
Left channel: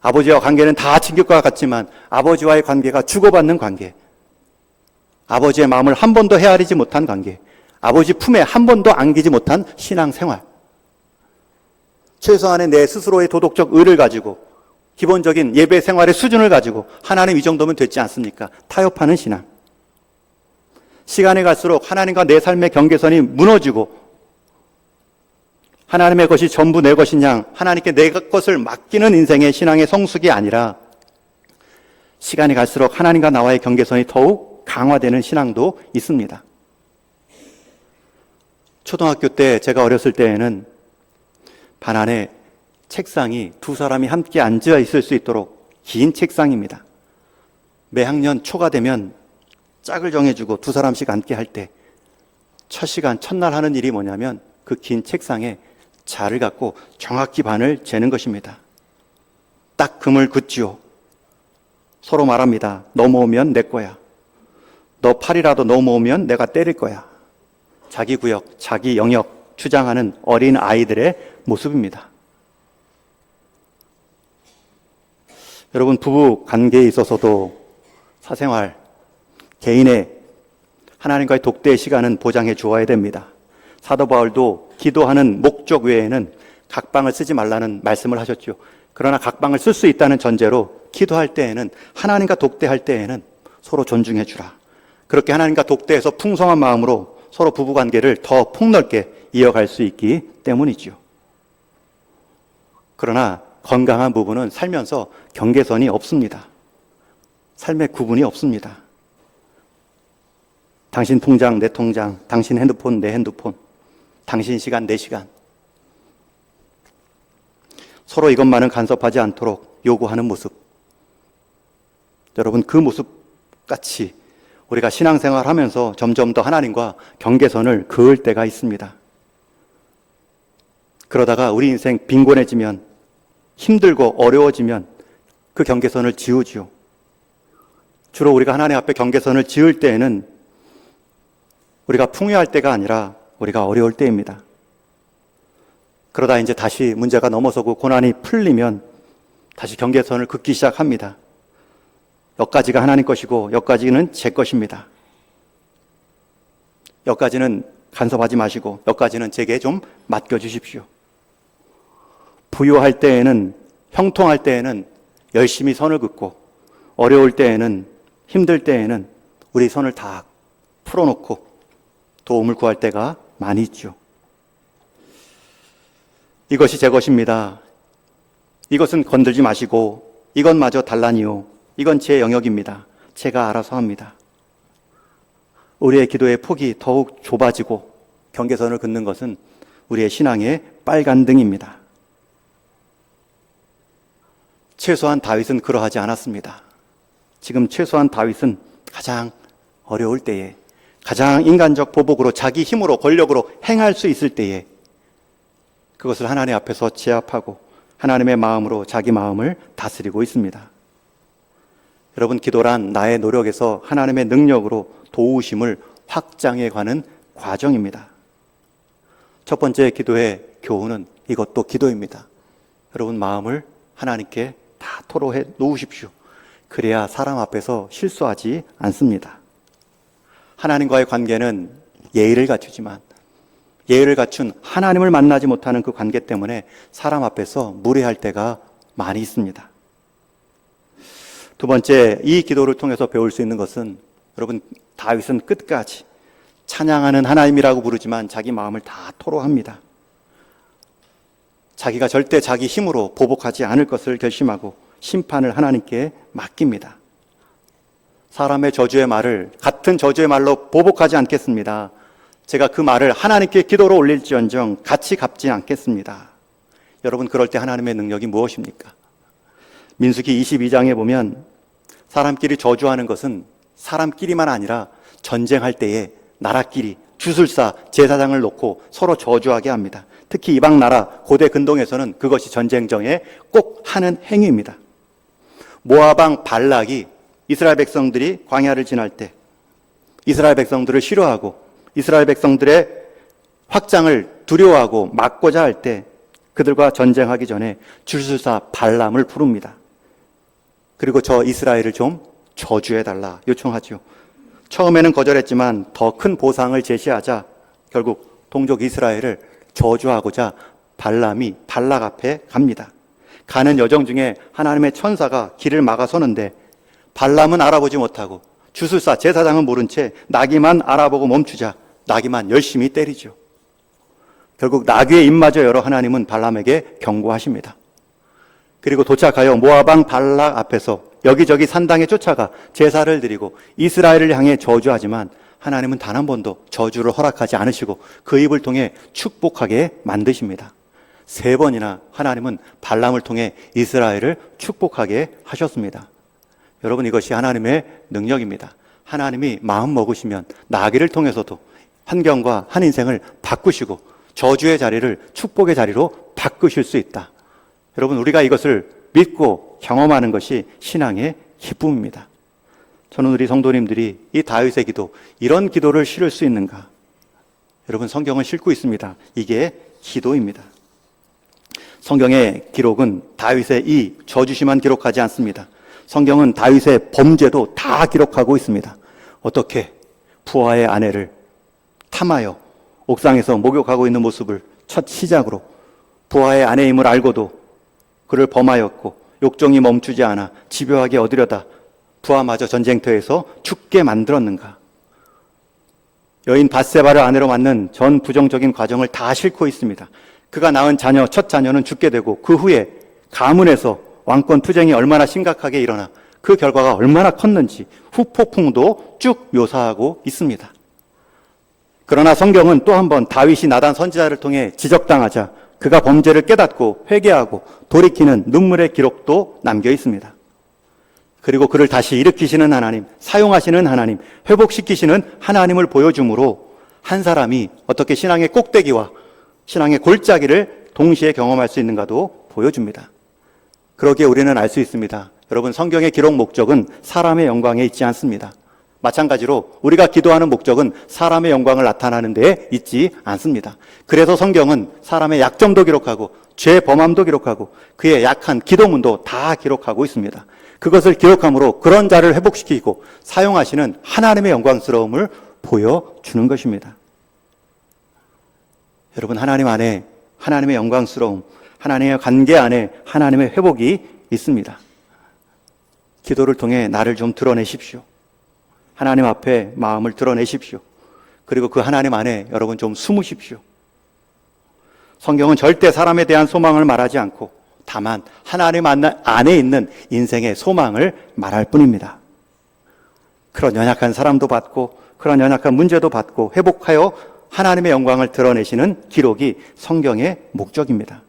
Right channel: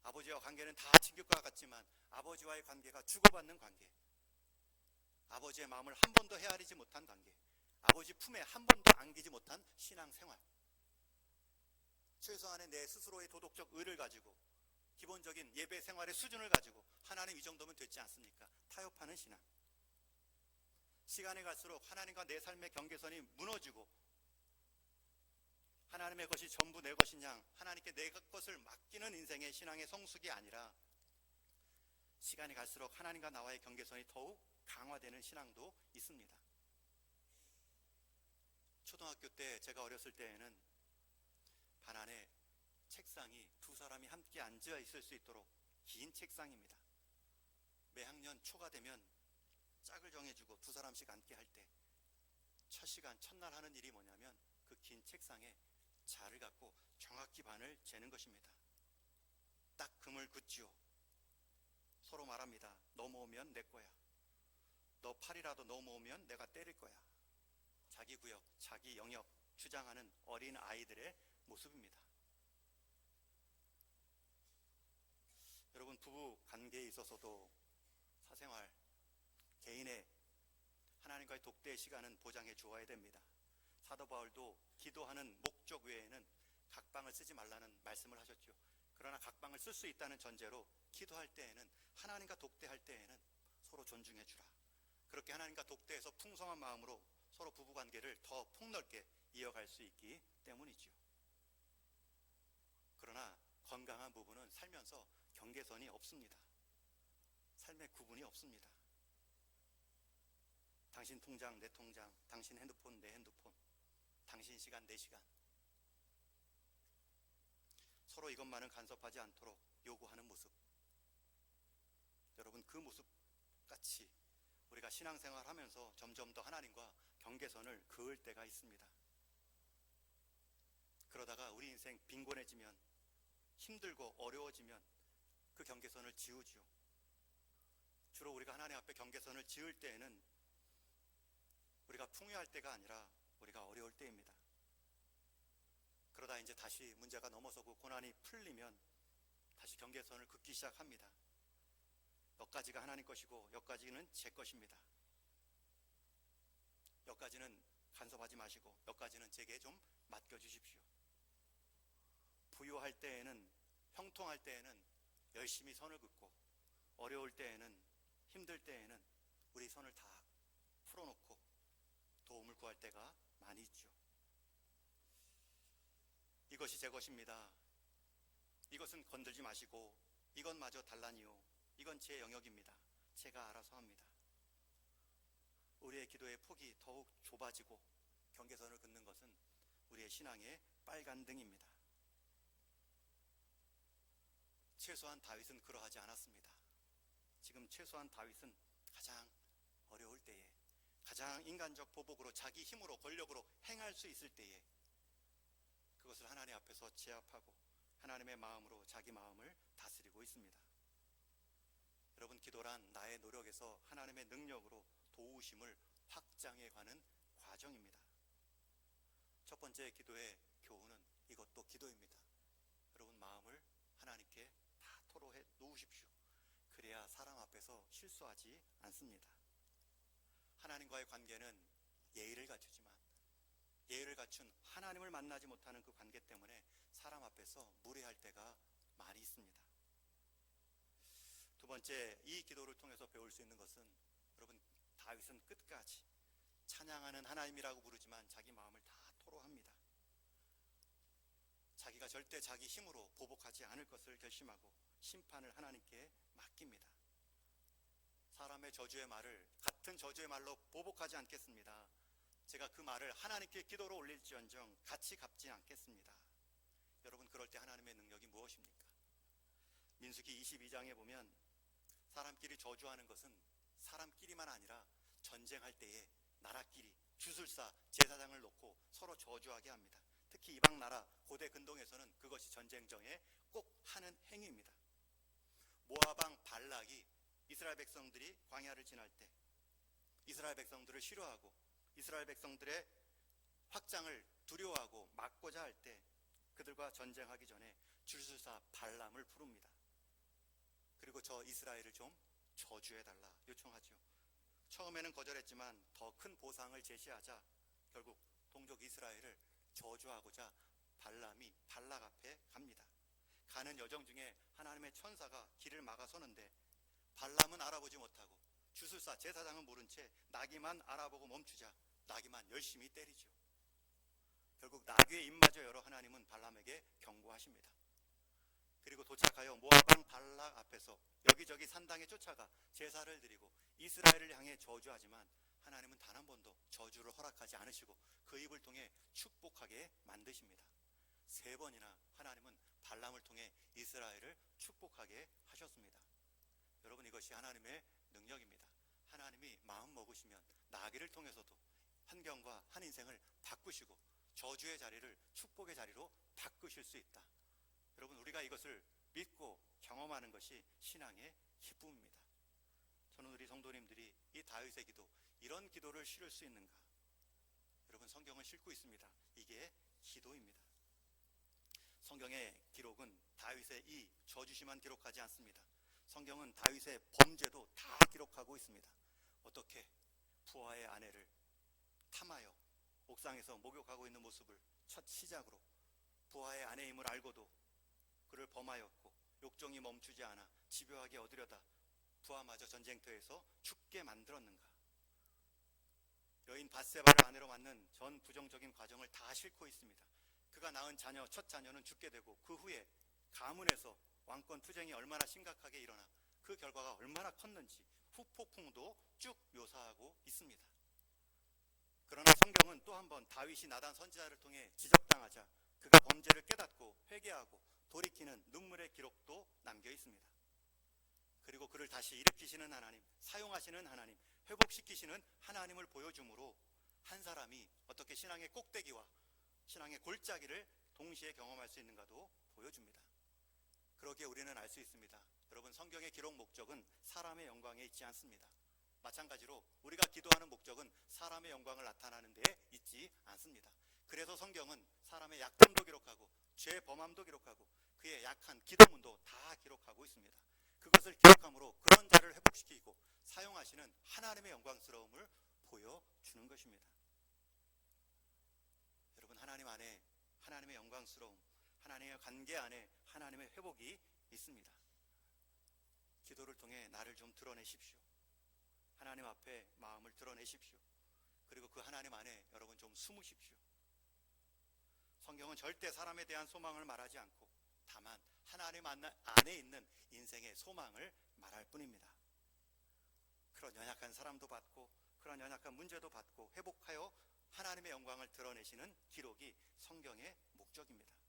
아버지와 관계는 다 챙길 것 같지만 아버지와의 관계가 주고받는 관계, 아버지의 마음을 한 번도 헤아리지 못한 관계, 아버지 품에 한 번도 안기지 못한 신앙생활, 최소한의 내 스스로의 도덕적 의를 가지고 기본적인 예배 생활의 수준을 가지고 하나님 이 정도면 됐지 않습니까? 타협하는 신앙. 시간이 갈수록 하나님과 내 삶의 경계선이 무너지고 하나님의 것이 전부 내 것인 양 하나님께 내 것을 맡기는 인생의 신앙의 성숙이 아니라 시간이 갈수록 하나님과 나와의 경계선이 더욱 강화되는 신앙도 있습니다. 초등학교 때 제가 어렸을 때에는 반 안에 책상이 두 사람이 함께 앉아 있을 수 있도록 긴 책상입니다. 매 학년 초가 되면 짝을 정해주고 두 사람씩 앉게 할 때 첫 시간 첫날 하는 일이 뭐냐면 그 긴 책상에 자를 갖고 정확히 반을 재는 것입니다. 딱 금을 긋지요. 서로 말합니다. 넘어오면 내 거야. 너 팔이라도 넘어오면 내가 때릴 거야. 자기 구역, 자기 영역 주장하는 어린 아이들의 모습입니다. 여러분, 부부 관계에 있어서도 사생활, 개인의 하나님과의 독대의 시간은 보장해 주어야 됩니다. 사도 바울도 기도하는 목적 외에는 각방을 쓰지 말라는 말씀을 하셨죠. 그러나 각방을 쓸 수 있다는 전제로 기도할 때에는 하나님과 독대할 때에는 서로 존중해 주라. 그렇게 하나님과 독대해서 풍성한 마음으로 서로 부부관계를 더 폭넓게 이어갈 수 있기 때문이죠. 그러나 건강한 부부는 살면서 경계선이 없습니다. 삶의 구분이 없습니다. 당신 통장, 내 통장, 당신 핸드폰, 내 핸드폰, 당신 시간, 내 시간. 서로 이것만은 간섭하지 않도록 요구하는 모습. 여러분, 그 모습같이 우리가 신앙생활 하면서 점점 더 하나님과 경계선을 그을 때가 있습니다. 그러다가 우리 인생 빈곤해지면, 힘들고 어려워지면 그 경계선을 지우지요. 주로 우리가 하나님 앞에 경계선을 지을 때에는 우리가 풍요할 때가 아니라 우리가 어려울 때입니다. 그러다 이제 다시 문제가 넘어서고 고난이 풀리면 다시 경계선을 긋기 시작합니다. 여기까지가 하나님 것이고 여기까지는 제 것입니다. 여기까지는 간섭하지 마시고 여기까지는 제게 좀 맡겨주십시오. 부유할 때에는, 형통할 때에는 열심히 선을 긋고 어려울 때에는, 힘들 때에는 우리 선을 다 풀어놓고 도움을 구할 때가 많이 있죠. 이것이 제 것입니다. 이것은 건들지 마시고 이것마저 달라니요. 이건 제 영역입니다. 제가 알아서 합니다. 우리의 기도의 폭이 더욱 좁아지고 경계선을 긋는 것은 우리의 신앙의 빨간등입니다. 최소한 다윗은 그러하지 않았습니다. 지금 최소한 다윗은 가장 어려울 때에, 가장 인간적 보복으로 자기 힘으로 권력으로 행할 수 있을 때에 그것을 하나님 앞에서 제압하고 하나님의 마음으로 자기 마음을 다스리고 있습니다. 여러분, 기도란 나의 노력에서 하나님의 능력으로 도우심을 확장해 가는 과정입니다. 첫 번째 기도의 교훈은 이것도 기도입니다. 여러분, 마음을 하나님께 다 토로해 놓으십시오. 그래야 사람 앞에서 실수하지 않습니다. 하나님과의 관계는 예의를 갖추지만 예의를 갖춘 하나님을 만나지 못하는 그 관계 때문에 사람 앞에서 무례할 때가 많이 있습니다. 두 번째, 이 기도를 통해서 배울 수 있는 것은 여러분, 다윗은 끝까지 찬양하는 하나님이라고 부르지만 자기 마음을 다 토로합니다. 자기가 절대 자기 힘으로 보복하지 않을 것을 결심하고 심판을 하나님께 맡깁니다. 사람의 저주의 말을 같은 저주의 말로 보복하지 않겠습니다. 제가 그 말을 하나님께 기도로 올릴지언정 같이 갚지 않겠습니다. 여러분, 그럴 때 하나님의 능력이 무엇입니까? 민수기 22장에 보면 사람끼리 저주하는 것은 사람끼리만 아니라 전쟁할 때에 나라끼리 주술사 제사장을 놓고 서로 저주하게 합니다. 특히 이방 나라 고대 근동에서는 그것이 전쟁정에 꼭 하는 행위입니다. 모압 왕 발락이 이스라엘 백성들이 광야를 지날 때 이스라엘 백성들을 싫어하고 이스라엘 백성들의 확장을 두려워하고 막고자 할 때 그들과 전쟁하기 전에 주술사 발람을 부릅니다. 그리고 저 이스라엘을 좀 저주해달라 요청하죠. 처음에는 거절했지만 더 큰 보상을 제시하자 결국 동족 이스라엘을 저주하고자 발람이 발락 앞에 갑니다. 가는 여정 중에 하나님의 천사가 길을 막아서는데 발람은 알아보지 못하고 주술사 제사장은 모른 채 나귀만 알아보고 멈추자 나귀만 열심히 때리죠. 결국 나귀의 입마저 열어 하나님은 발람에게 경고하십니다. 그리고 도착하여 모압 왕 발락 앞에서 여기저기 산당에 쫓아가 제사를 드리고 이스라엘을 향해 저주하지만 하나님은 단 한 번도 저주를 허락하지 않으시고 그 입을 통해 축복하게 만드십니다. 3번이나 하나님은 발람을 통해 이스라엘을 축복하게 하셨습니다. 여러분, 이것이 하나님의 능력입니다. 하나님이 마음 먹으시면 나귀를 통해서도 환경과 한 인생을 바꾸시고 저주의 자리를 축복의 자리로 바꾸실 수 있다. 여러분, 우리가 이것을 믿고 경험하는 것이 신앙의 기쁨입니다. 저는 우리 성도님들이 이 다윗의 기도, 이런 기도를 실을 수 있는가? 여러분, 성경을 싣고 있습니다. 이게 기도입니다. 성경의 기록은 다윗의 이 저주심만 기록하지 않습니다. 성경은 다윗의 범죄도 다 기록하고 있습니다. 어떻게 부하의 아내를 탐하여 옥상에서 목욕하고 있는 모습을 첫 시작으로 부하의 아내임을 알고도 그를 범하였고 욕정이 멈추지 않아 집요하게 얻으려다 부하마저 전쟁터에서 죽게 만들었는가? 여인 밧세바를 아내로 맞는 전 부정적인 과정을 다 싣고 있습니다. 그가 낳은 자녀, 첫 자녀는 죽게 되고 그 후에 가문에서 왕권 투쟁이 얼마나 심각하게 일어나 그 결과가 얼마나 컸는지 후폭풍도 쭉 묘사하고 있습니다. 그러나 성경은 또 한 번 다윗이 나단 선지자를 통해 지적당하자 그가 범죄를 깨닫고 회개하고 돌이키는 눈물의 기록도 남겨 있습니다. 그리고 그를 다시 일으키시는 하나님, 사용하시는 하나님, 회복시키시는 하나님을 보여주므로 한 사람이 어떻게 신앙의 꼭대기와 신앙의 골짜기를 동시에 경험할 수 있는가도 보여줍니다. 그러기에 우리는 알 수 있습니다. 여러분, 성경의 기록 목적은 사람의 영광에 있지 않습니다. 마찬가지로 우리가 기도하는 목적은 사람의 영광을 나타나는 데에 있지 않습니다. 그래서 성경은 사람의 약점도 기록하고 죄 범함도 기록하고 그의 약한 기도문도 다 기록하고 있습니다. 그것을 기록함으로 그런 자를 회복시키고 사용하시는 하나님의 영광스러움을 보여주는 것입니다. 여러분, 하나님 안에 하나님의 영광스러움, 하나님의 관계 안에 하나님의 회복이 있습니다. 기도를 통해 나를 좀 드러내십시오. 하나님 앞에 마음을 드러내십시오. 그리고 그 하나님 안에 여러분 좀 숨으십시오. 성경은 절대 사람에 대한 소망을 말하지 않고 다만 하나님 안에 있는 인생의 소망을 말할 뿐입니다. 그런 연약한 사람도 받고 그런 연약한 문제도 받고 회복하여 하나님의 영광을 드러내시는 기록이 성경의 목적입니다.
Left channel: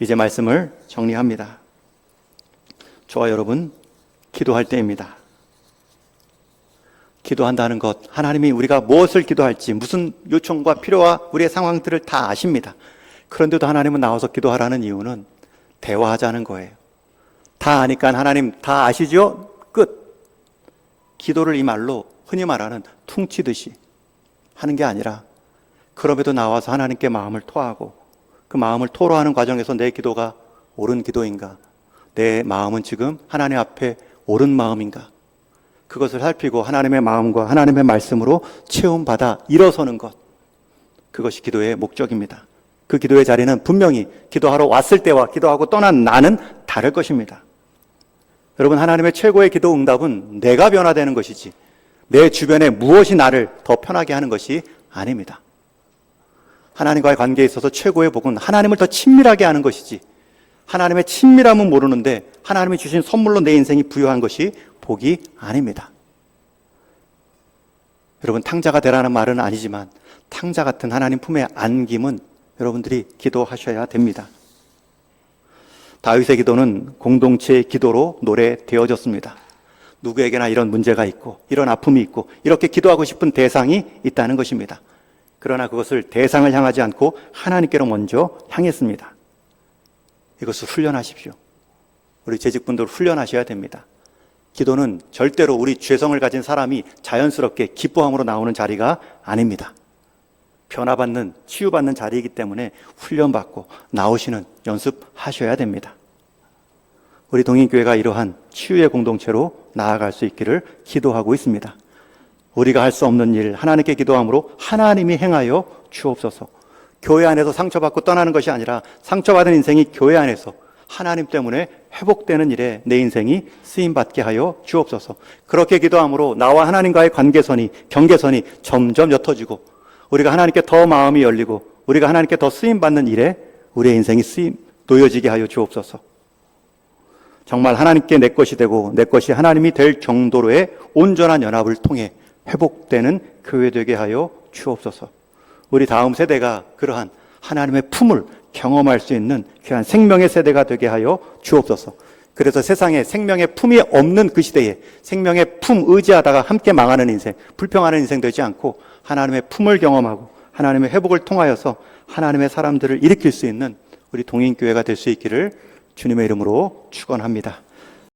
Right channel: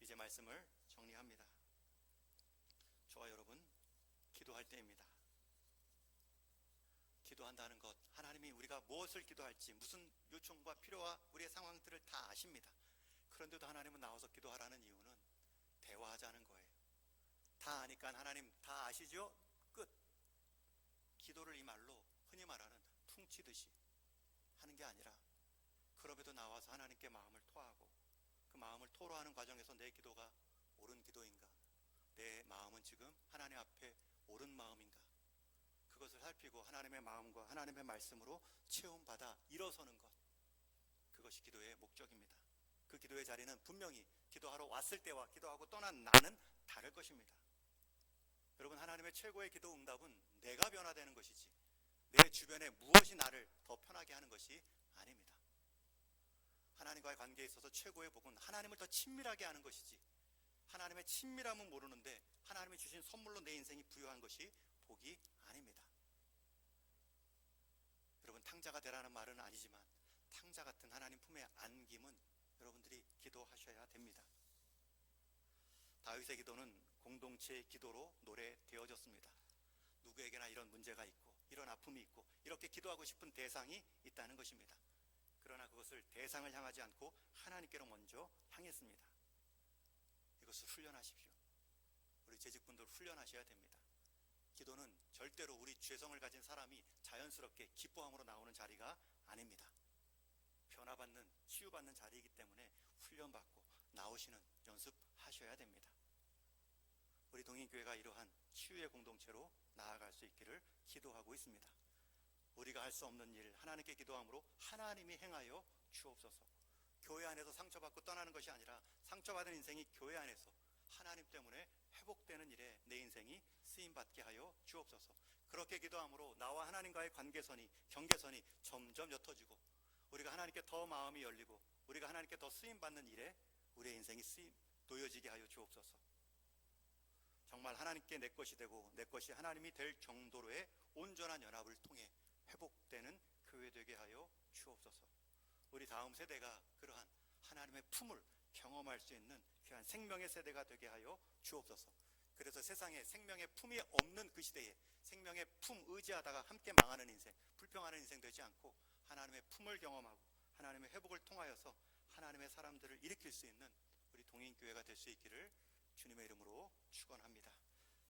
이제 말씀을 정리합니다. 저와 여러분, 기도할 때입니다. 기도한다는 것, 하나님이 우리가 무엇을 기도할지, 무슨 요청과 필요와 우리의 상황들을 다 아십니다. 그런데도 하나님은 나와서 기도하라는 이유는 대화하자는 거예요. 다 아니까 하나님 다 아시죠? 끝. 기도를 이 말로 흔히 말하는 퉁치듯이 하는 게 아니라 그럼에도 나와서 하나님께 마음을 토하고 그 마음을 토로하는 과정에서 내 기도가 옳은 기도인가? 내 마음은 지금 하나님 앞에 옳은 마음인가? 그것을 살피고 하나님의 마음과 하나님의 말씀으로 체험받아 일어서는 것, 그것이 기도의 목적입니다. 그 기도의 자리는 분명히 기도하러 왔을 때와 기도하고 떠난 나는 다를 것입니다. 여러분, 하나님의 최고의 기도 응답은 내가 변화되는 것이지 내 주변에 무엇이 나를 더 편하게 하는 것이 아닙니다. 하나님과의 관계에 있어서 최고의 복은 하나님을 더 친밀하게 하는 것이지, 하나님의 친밀함은 모르는데 하나님이 주신 선물로 내 인생이 부여한 것이 복이 아닙니다. 여러분, 탕자가 되라는 말은 아니지만 탕자 같은 하나님 품에 안김은 여러분들이 기도하셔야 됩니다. 다윗의 기도는 공동체의 기도로 노래되어졌습니다. 누구에게나 이런 문제가 있고 이런 아픔이 있고 이렇게 기도하고 싶은 대상이 있다는 것입니다. 그러나 그것을 대상을 향하지 않고 하나님께로 먼저 향했습니다. 이것을 훈련하십시오. 우리 재직분들 훈련하셔야 됩니다. 기도는 절대로 우리 죄성을 가진 사람이 자연스럽게 기뻐함으로 나오는 자리가 아닙니다. 변화받는, 치유받는 자리이기 때문에 훈련받고 나오시는 연습하셔야 됩니다. 우리 동인교회가 이러한 치유의 공동체로 나아갈 수 있기를 기도하고 있습니다. 우리가 할 수 없는 일 하나님께 기도함으로 하나님이 행하여 주옵소서. 교회 안에서 상처받고 떠나는 것이 아니라 상처받은 인생이 교회 안에서 하나님 때문에 회복되는 일에 내 인생이 쓰임받게 하여 주옵소서. 그렇게 기도함으로 나와 하나님과의 관계선이, 경계선이 점점 옅어지고 우리가 하나님께 더 마음이 열리고 우리가 하나님께 더 쓰임받는 일에 우리의 인생이 놓여지게 하여 주옵소서. 정말 하나님께 내 것이 되고 내 것이 하나님이 될 정도로의 온전한 연합을 통해 회복되는 교회 되게 하여 주옵소서. 우리 다음 세대가 그러한 하나님의 품을 경험할 수 있는 귀한 생명의 세대가 되게 하여 주옵소서. 그래서 세상에 생명의 품이 없는 그 시대에 생명의 품 의지하다가 함께 망하는 인생, 불평하는 인생 되지 않고 하나님의 품을 경험하고 하나님의 회복을 통하여서 하나님의 사람들을 일으킬 수 있는 우리 동인교회가 될 수 있기를 주님의 이름으로 축원합니다.